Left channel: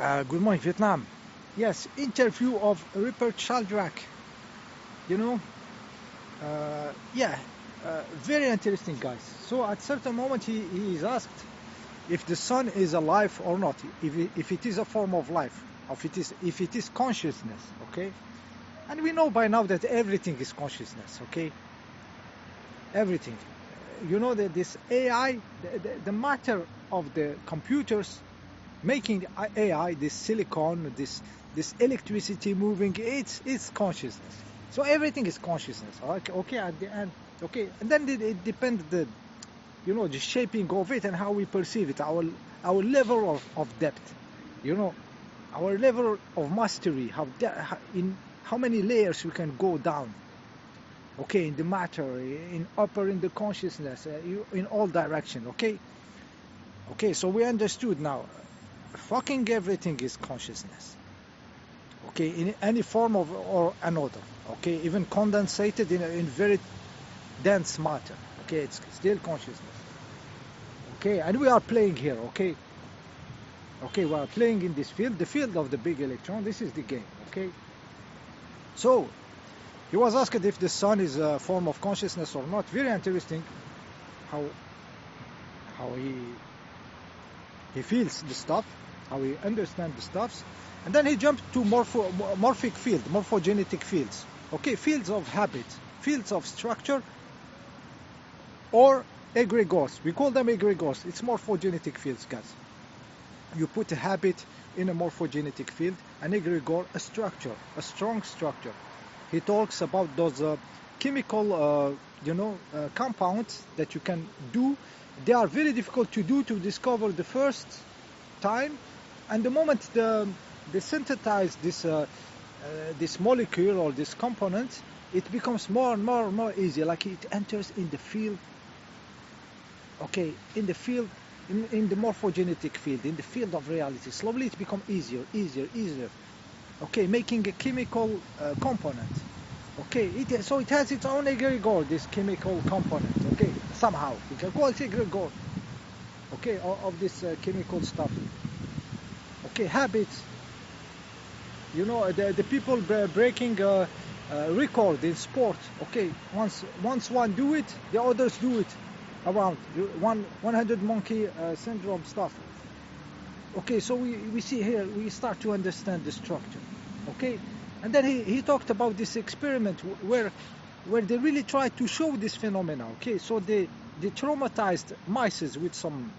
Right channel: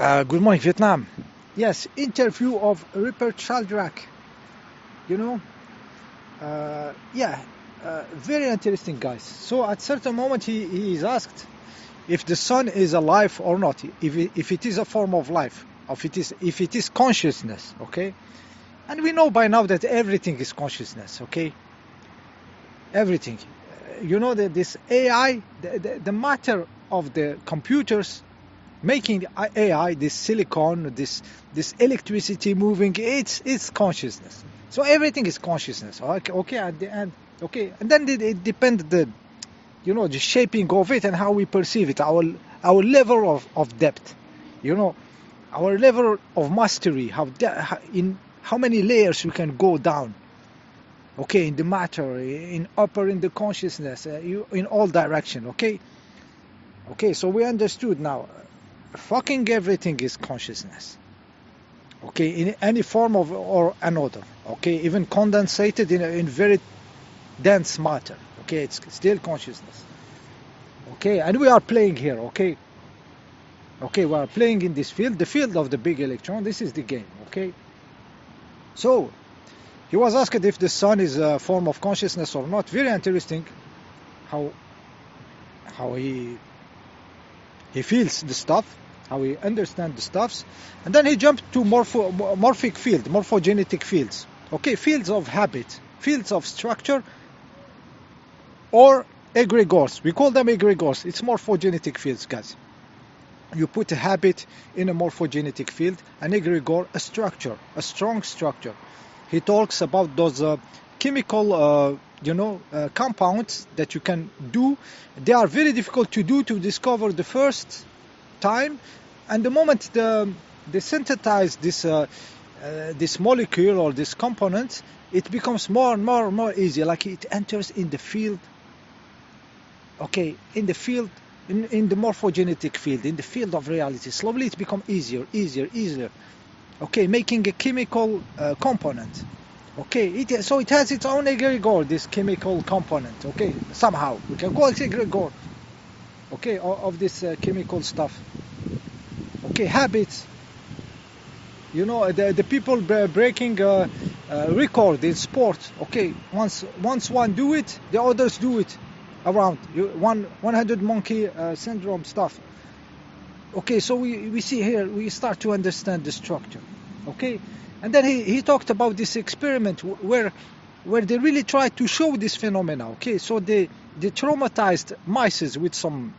Good morning, Vietnam. Yes, interview of Rupert Sheldrake. You know, yeah, very interesting, guys. So at certain moment, he is asked if the sun is alive or not, if it is a form of life, if it is consciousness. Okay, and we know by now that everything is consciousness. Okay, everything. You know that this AI, the matter of the computers making AI, this silicon, this electricity moving, it's consciousness. So everything is consciousness. Okay, okay, at the end, okay, and then it depends the shaping of it and how we perceive it, our level of depth, you know, our level of mastery, in how many layers we can go down. Okay, in the matter, in upper, in the consciousness, in all direction. Okay, okay. So we understood now. Fucking everything is consciousness. Okay, in any form of or another. Okay, even condensated in very dense matter. Okay, it's still consciousness. Okay, and we are playing here. Okay, okay, we are playing in this field, the field of the big electron. This is the game. Okay, so he was asked if the sun is a form of consciousness or not. Very interesting how how he feels the stuff, how he understands the stuffs, and then he jumped to morphic field, morphogenetic fields. Okay, fields of habit, fields of structure, or egregores. We call them egregores. It's morphogenetic fields, guys. You put a habit in a morphogenetic field, an egregore, a structure, a strong structure. He talks about those chemical, compounds that you can do. They are very difficult to do, to discover the first time, and the moment they synthesize this molecule or this component, it becomes more and more and more easy. Like it enters in the field. Okay, in the field, in the morphogenetic field, in the field of reality. Slowly it becomes easier. Okay, making a chemical component. Okay, so it has its own egregore, this chemical component. Okay, somehow we can call it egregore. Okay, of this chemical stuff. Okay, habits. You know, the people breaking record in sport. Okay, once one do it, the others do it around. 100 monkey syndrome stuff. Okay, so we see here, we start to understand the structure. Okay, and then he talked about this experiment where they really tried to show this phenomena. Okay, so they traumatized mice with some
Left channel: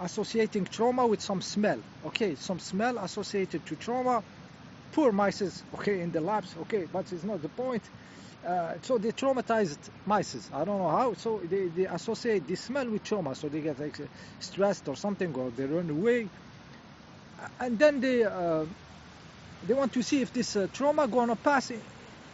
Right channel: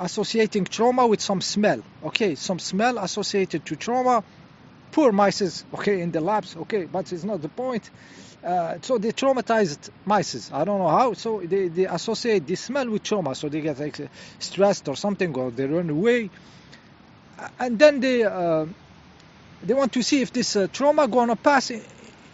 associating trauma with some smell. Okay, some smell associated to trauma. Poor mice, okay, in the labs. Okay, but it's not the point. So they traumatized mice. I don't know how. So they associate the smell with trauma. So they get like stressed or something, or they run away. And then they want to see if this trauma gonna pass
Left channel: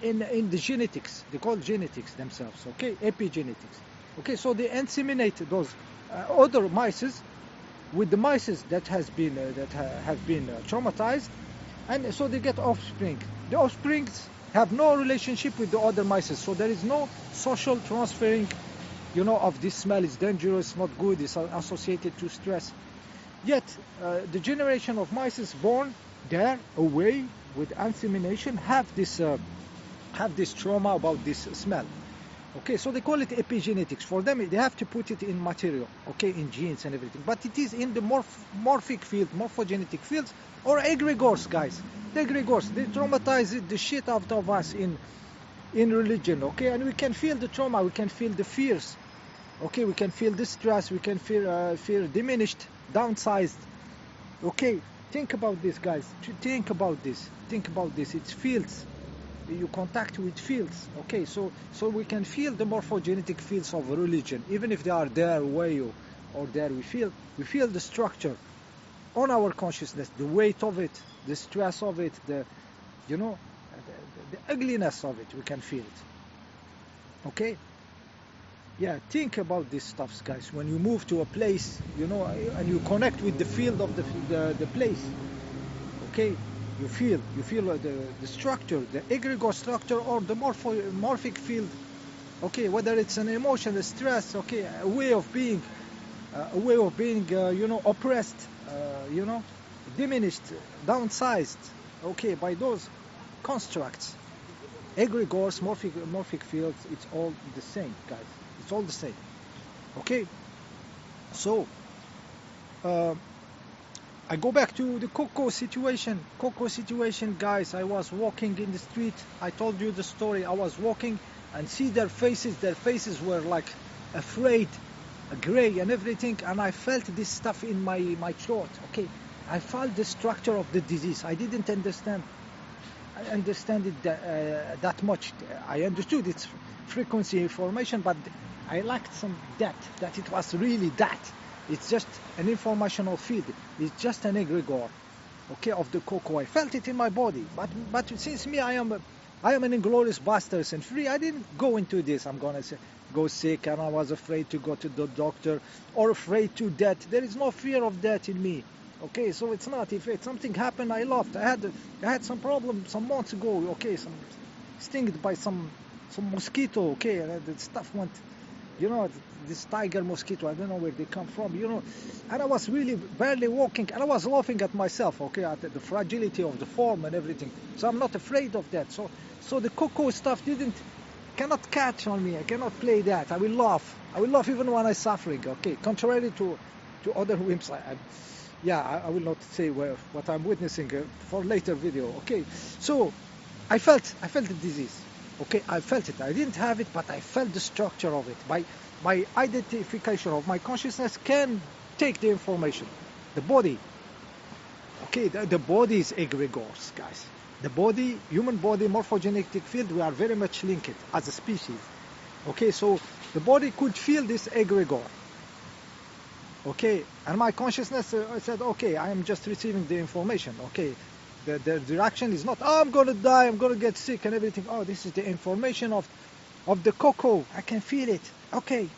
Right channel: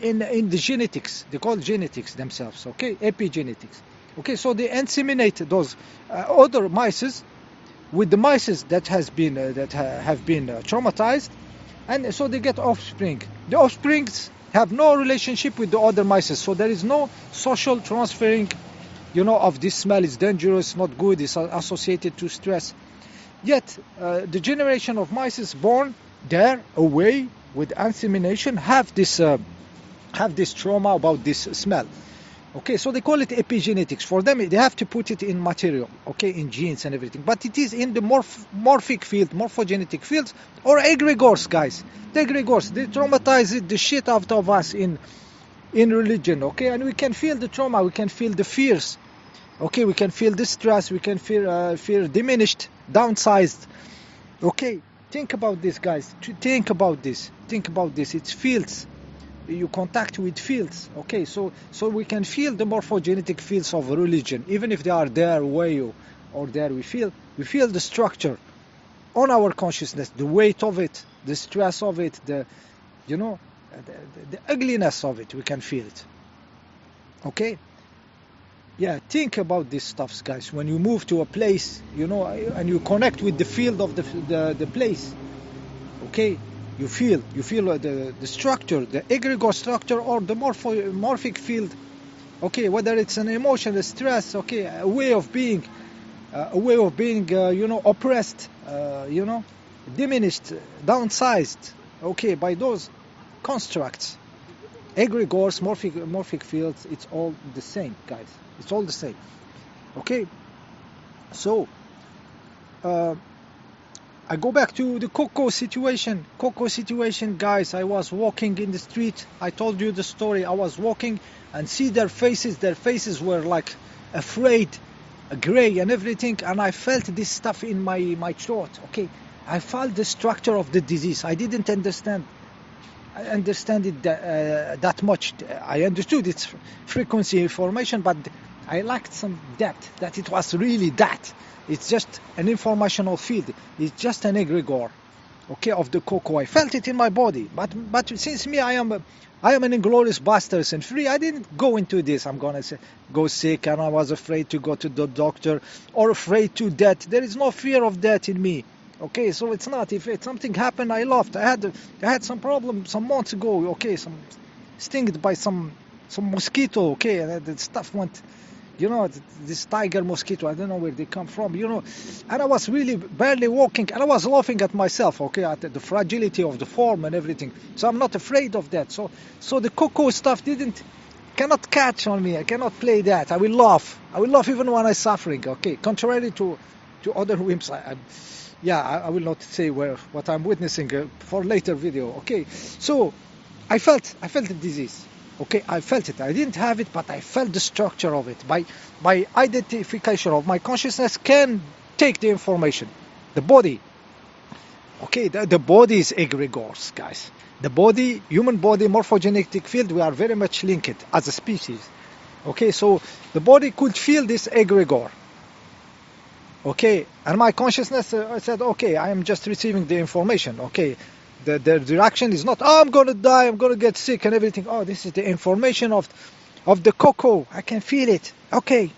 in the genetics. They call it genetics themselves. Okay, epigenetics. Okay, so they inseminate those other mice with the mice that have been traumatized, and so they get offspring. The offsprings have no relationship with the other mice, so there is no social transferring, of this smell is dangerous, not good, it's associated to stress. Yet the generation of mice born there away with insemination have this trauma about this smell. Okay, so they call it epigenetics. For them, they have to put it in material, okay, in genes and everything. But it is in the morphic field, morphogenetic fields, or egregores, guys. The egregores, they traumatize the shit out of us in religion, okay? And we can feel the trauma, we can feel the fears, okay? We can feel the stress, we can feel diminished, downsized, okay? Think about this, guys. Think about this. It's fields. You contact with fields. Okay, so we can feel the morphogenetic fields of religion, even if they are there way or there. We feel the structure on our consciousness, the weight of it, the stress of it, the ugliness of it. We can feel it. Okay, yeah, think about these stuffs, guys. When you move to a place, and you connect with the field of the place. Okay, you feel the structure, the egregore structure, or the morphic field. Okay, whether it's an emotion, a stress, okay, a way of being oppressed, diminished, downsized, okay, by those constructs. Egregores, morphic fields, it's all the same, guys. It's all the same. Okay, so I go back to the Coco situation. Coco situation, guys. I was walking in the street. I told you the story. I was walking and see their faces. Their faces were like afraid, gray and everything. And I felt this stuff in my throat. Okay, I felt the structure of the disease. I didn't understand. I understand it that much. I understood its frequency information, but I lacked some depth. That it was really that. It's just an informational field. It's just an egregore, okay, of the Coco. I felt it in my body, but since me, I am an inglorious bastards and free. I didn't go into this. I'm gonna say, go sick, and I was afraid to go to the doctor or afraid to death. There is no fear of death in me. Okay, so it's not. If something happened, I laughed. I had some problem some months ago. Okay, some stinged by some mosquito. Okay, and the stuff went. You know, this tiger mosquito, I don't know where they come from, you know. And I was really barely walking, and I was laughing at myself, okay, at the fragility of the form and everything. So I'm not afraid of that. So the Coco stuff cannot catch on me. I cannot play that. I will laugh. I will laugh even when I'm suffering, okay. Contrary to other whims, I will not say what I'm witnessing for later video, okay. So I felt the disease. Okay, I felt it. I didn't have it, but I felt the structure of it. My identification of my consciousness can take the information. The body. Okay, the body is egregores, guys. The body, human body, morphogenetic field, we are very much linked as a species. Okay, so the body could feel this egregore. Okay, and my consciousness, I said, okay, I am just receiving the information. Okay. The reaction is not, oh, I'm going to die, I'm going to get sick and everything. Oh, this is the information of the Coco. I can feel it. Okay.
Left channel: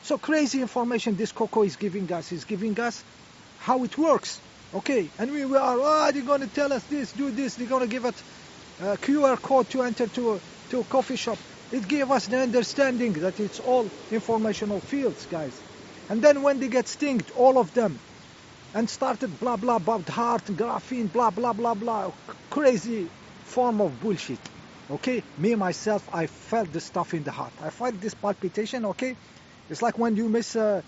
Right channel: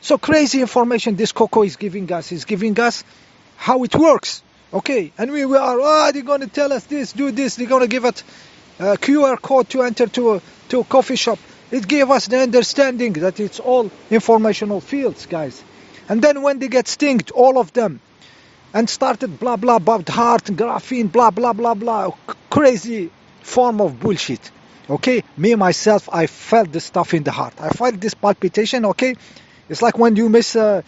So crazy information this Coco is giving us. Is giving us how it works. Okay. And we are, they're going to tell us this, do this. They're going to give us a QR code to enter to a coffee shop. It gave us the understanding that it's all informational fields, guys. And then when they get stinged, all of them, and started blah blah about heart, graphene, blah blah blah blah, crazy form of bullshit. Okay, me myself, I felt this stuff in the heart. I felt this palpitation. Okay, it's like when you miss, the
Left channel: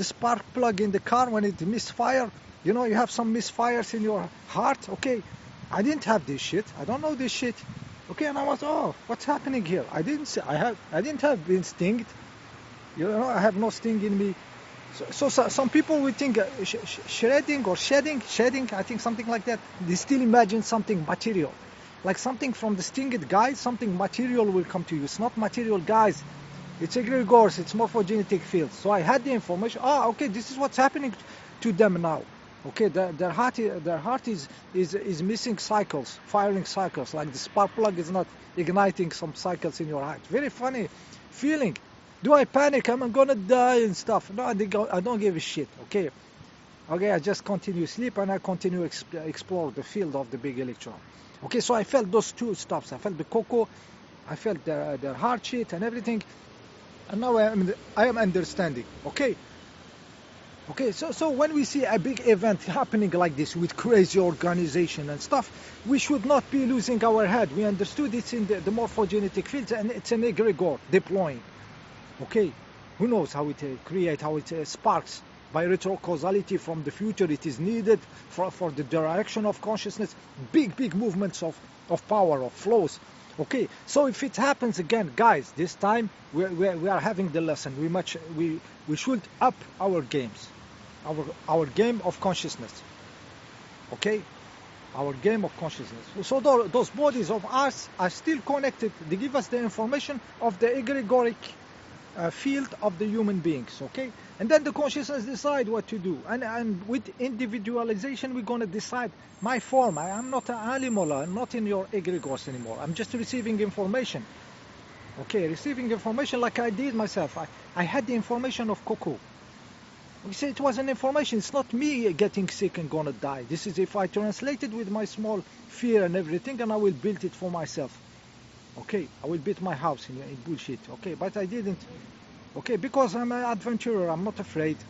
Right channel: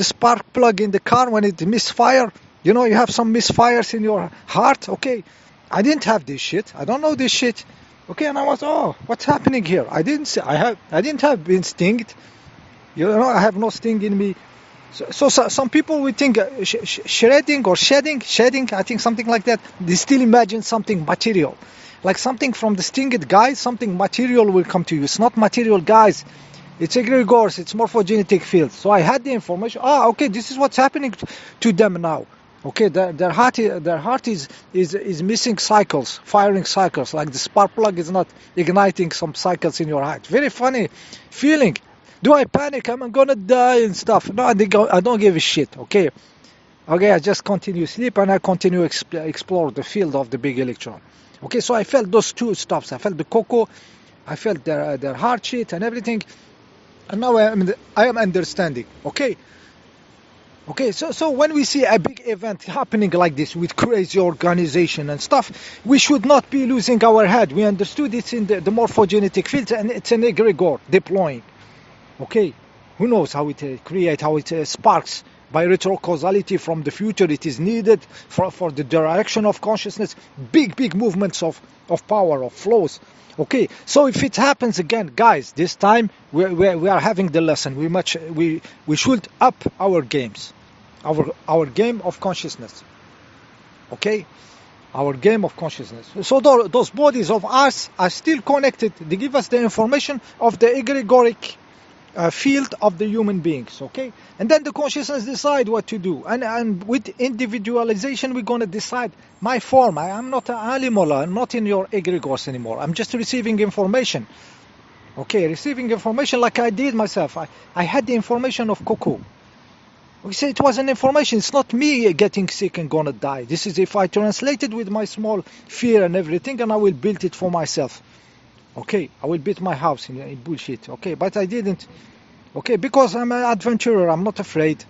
spark plug in the car when it misfire. You know, you have some misfires in your heart. Okay, I didn't have this shit. I don't know this shit. Okay, and I was, oh, what's happening here? I didn't have been stinged. You know, I have no sting in me. So some people would think shedding, I think something like that. They still imagine something material, like something from the stinged guys, something material will come to you. It's not material, guys. It's egregores, it's morphogenetic fields. So I had the information. Okay, this is what's happening to them now. Okay, their heart is missing cycles, firing cycles. Like the spark plug is not igniting some cycles in your heart. Very funny feeling. Do I panic? I'm gonna die and stuff. No, I don't give a shit. Okay, I just continue sleep and I continue explore the field of the big electron. Okay, so I felt those two stuffs. I felt the Coco, I felt their heart shit and everything, and now I am understanding. Okay, so when we see a big event happening like this with crazy organization and stuff, we should not be losing our head. We understood it's in the morphogenetic fields and it's an egregore deploying. Okay, who knows how it creates, how it sparks by retrocausality from the future. It is needed for the direction of consciousness, big movements of power, of flows. Okay, so if it happens again, guys, this time we are having the lesson. We should up our games, our game of consciousness. Okay, our game of consciousness. So those bodies of us are still connected. They give us the information of the egregoric field of the human beings. Okay, and then the consciousness decide what to do, and with individualization we're going to decide my form. I'm not an animal. I'm not in your egregores anymore. I'm just receiving information. Okay, receiving information like I did myself. I had the information of Coco. We say it was an information. It's not me getting sick and gonna die. This is if I translate it with my small fear and everything, and I will build it for myself. Okay, I will build my house in bullshit. Okay, but I didn't. Okay, because I'm an adventurer. I'm not afraid.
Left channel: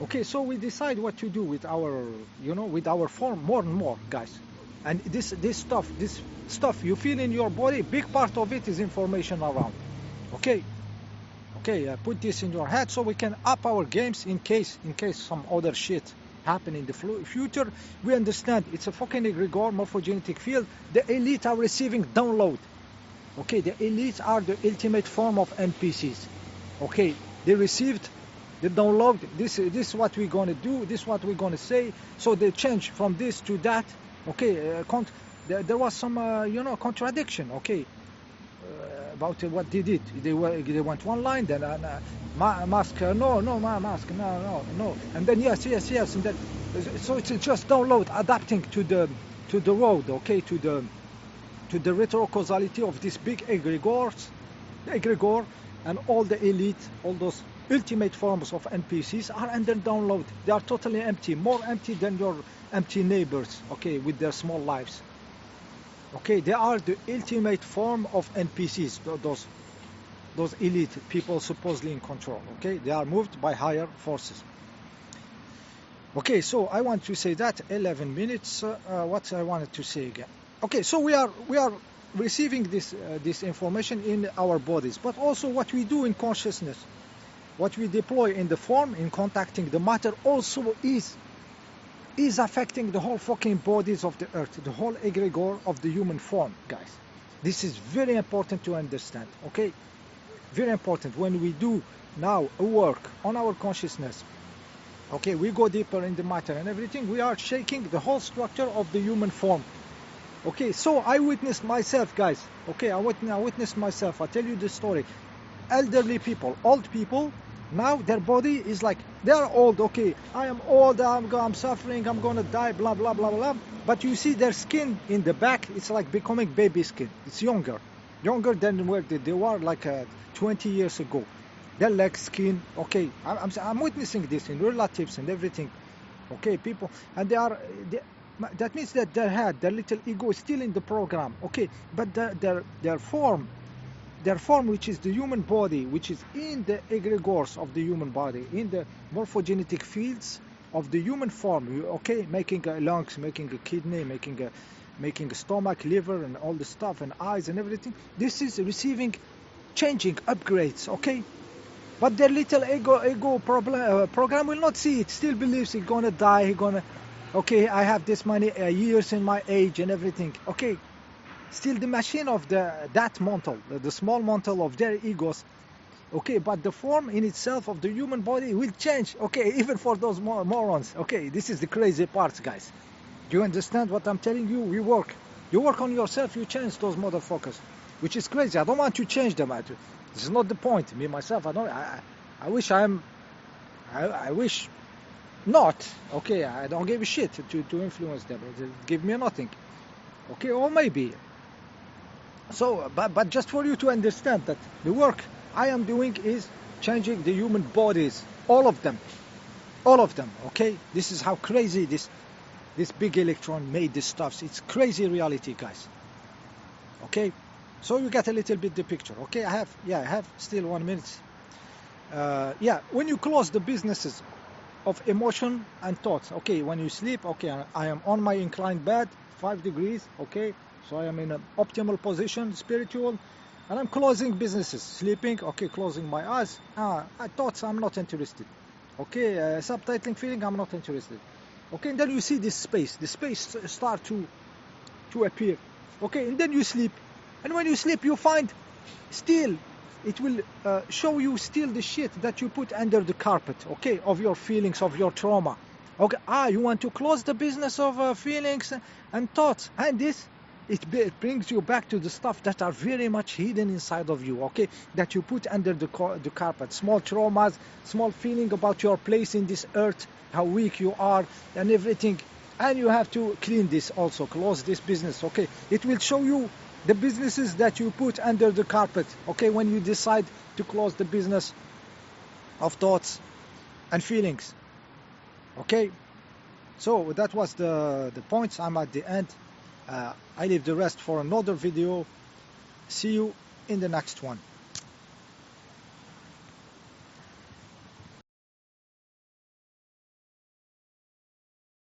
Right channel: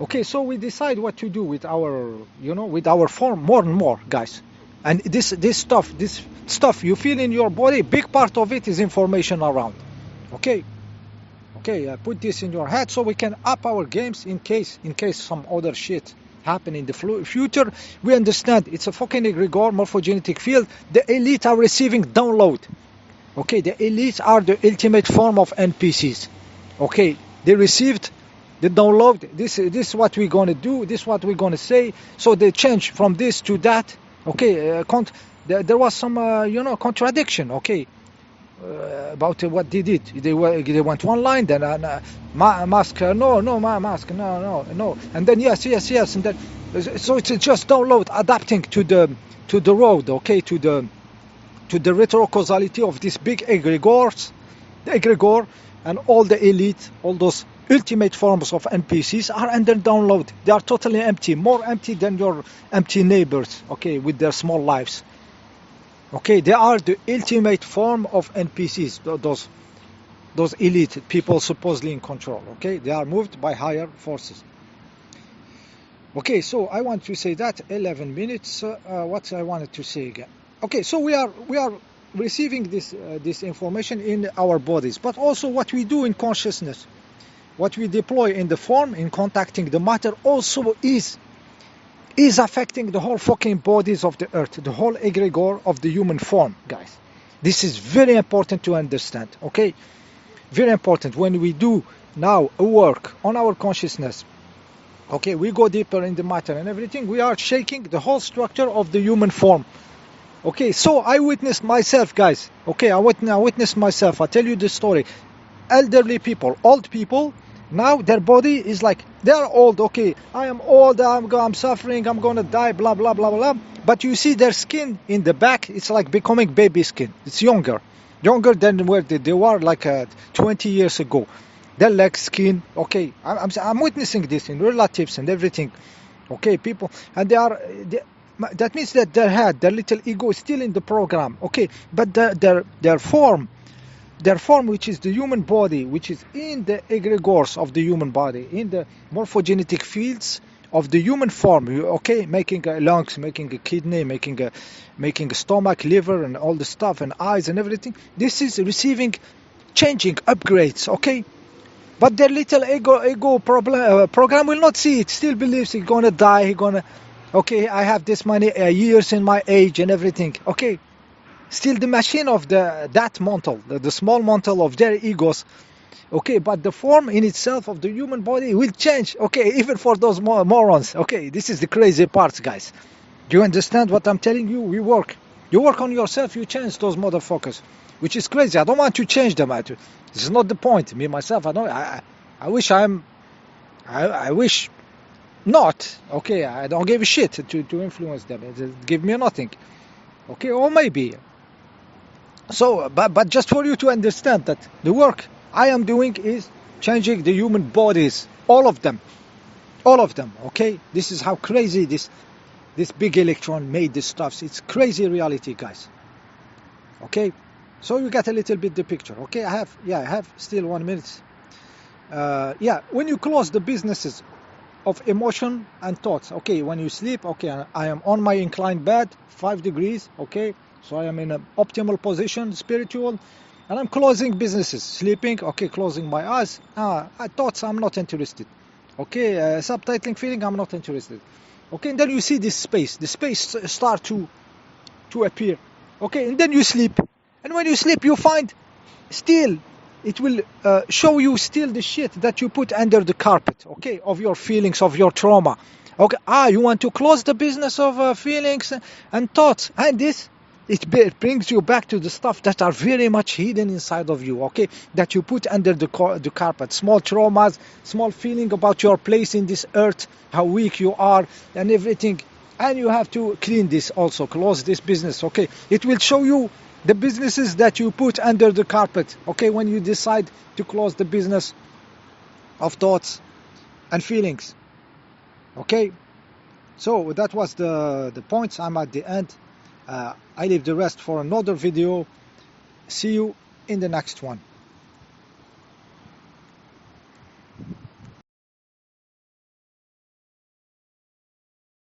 Okay, so we decide what to do with our, with our form more and more, guys. And this stuff you feel in your body, big part of it is information around. Okay, okay, put this in your head so we can up our games in case some other shit happen in the future. We understand it's a fucking egregore morphogenetic field. The elite are receiving download. Okay, the elites are the ultimate form of NPCs. Okay, they received the download. This is what we're gonna do. This is what we're gonna say. So they change from this to that. Okay, there was some contradiction. Okay, about what they did. They went one line, then mask, no, mask, no, and then yes, and then so it's just download, adapting to the road. Okay, to the retrocausality of this big egregore, and all the elite, all those ultimate forms of NPCs are under download. They are totally empty, more empty than your empty neighbors. Okay, with their small lives. Okay, they are the ultimate form of NPCs, those elite people supposedly in control. Okay, they are moved by higher forces. Okay, so I want to say that 11 minutes. What I wanted to say again. Okay, so we are receiving this information in our bodies, but also what we do in consciousness, what we deploy in the form, in contacting the matter, also is affecting the whole fucking bodies of the earth, the whole egregore of the human form, guys. This is very important to understand. Okay, very important. When we do now a work on our consciousness, okay, we go deeper in the matter and everything, we are shaking the whole structure of the human form. Okay, so I witnessed myself, guys. Okay, I witnessed myself. I tell you the story. Elderly people, old people, now their body is like, they are old. Okay, I am old, I'm suffering, I'm gonna die, blah blah blah blah. But you see their skin in the back, it's like becoming baby skin. It's younger than where they were like 20 years ago. Their leg skin. Okay, I'm witnessing this in relatives and everything. Okay, people, and that means that their little ego is still in the program. Okay, but their form, which is the human body, which is in the egregores of the human body, in the morphogenetic fields of the human form. Okay, making lungs, making a kidney, making a stomach, liver, and all the stuff, and eyes and everything. This is receiving, changing, upgrades. Okay, but their little ego program will not see it. Still believes he's gonna die. He's gonna. Okay, I have this many years in my age and everything. Okay, still the machine of that mantle, the small mantle of their egos. Okay, but the form in itself of the human body will change. Okay, even for those morons. Okay, this is the crazy part, guys. Do you understand what I'm telling you? You work on yourself. You change those motherfuckers, which is crazy. I don't want to change them. This is not the point. Me myself, I wish I wish not. Okay, I don't give a shit to influence them. It give me nothing. Okay, or maybe. So, but just for you to understand that the work I am doing is changing the human bodies, all of them. Okay, this is how crazy this big electron made this stuff. It's crazy reality, guys. Okay, so you get a little bit the picture. Okay, I have still 1 minute. When you close the businesses of emotion and thoughts. Okay, when you sleep, okay, I am on my inclined bed, 5 degrees. Okay, so I am in an optimal position, spiritual, and I'm closing businesses, sleeping. Okay, closing my eyes. Thoughts, I'm not interested. Okay, subtitling, feeling, I'm not interested. Okay, and then you see this space. The space start to appear. Okay, and then you sleep, and when you sleep, you find still. It will show you still the shit that you put under the carpet, okay, of your feelings, of your trauma. Okay, you want to close the business of feelings and thoughts, and it brings you back to the stuff that are very much hidden inside of you, okay, that you put under the carpet. Small traumas, small feeling about your place in this earth, how weak you are, and everything. And you have to clean this also, close this business, okay. It will show you the businesses that you put under the carpet, okay, when you decide to close the business of thoughts and feelings. Okay, so that was the points. I'm at the end. I leave the rest for another video. See you in the next one.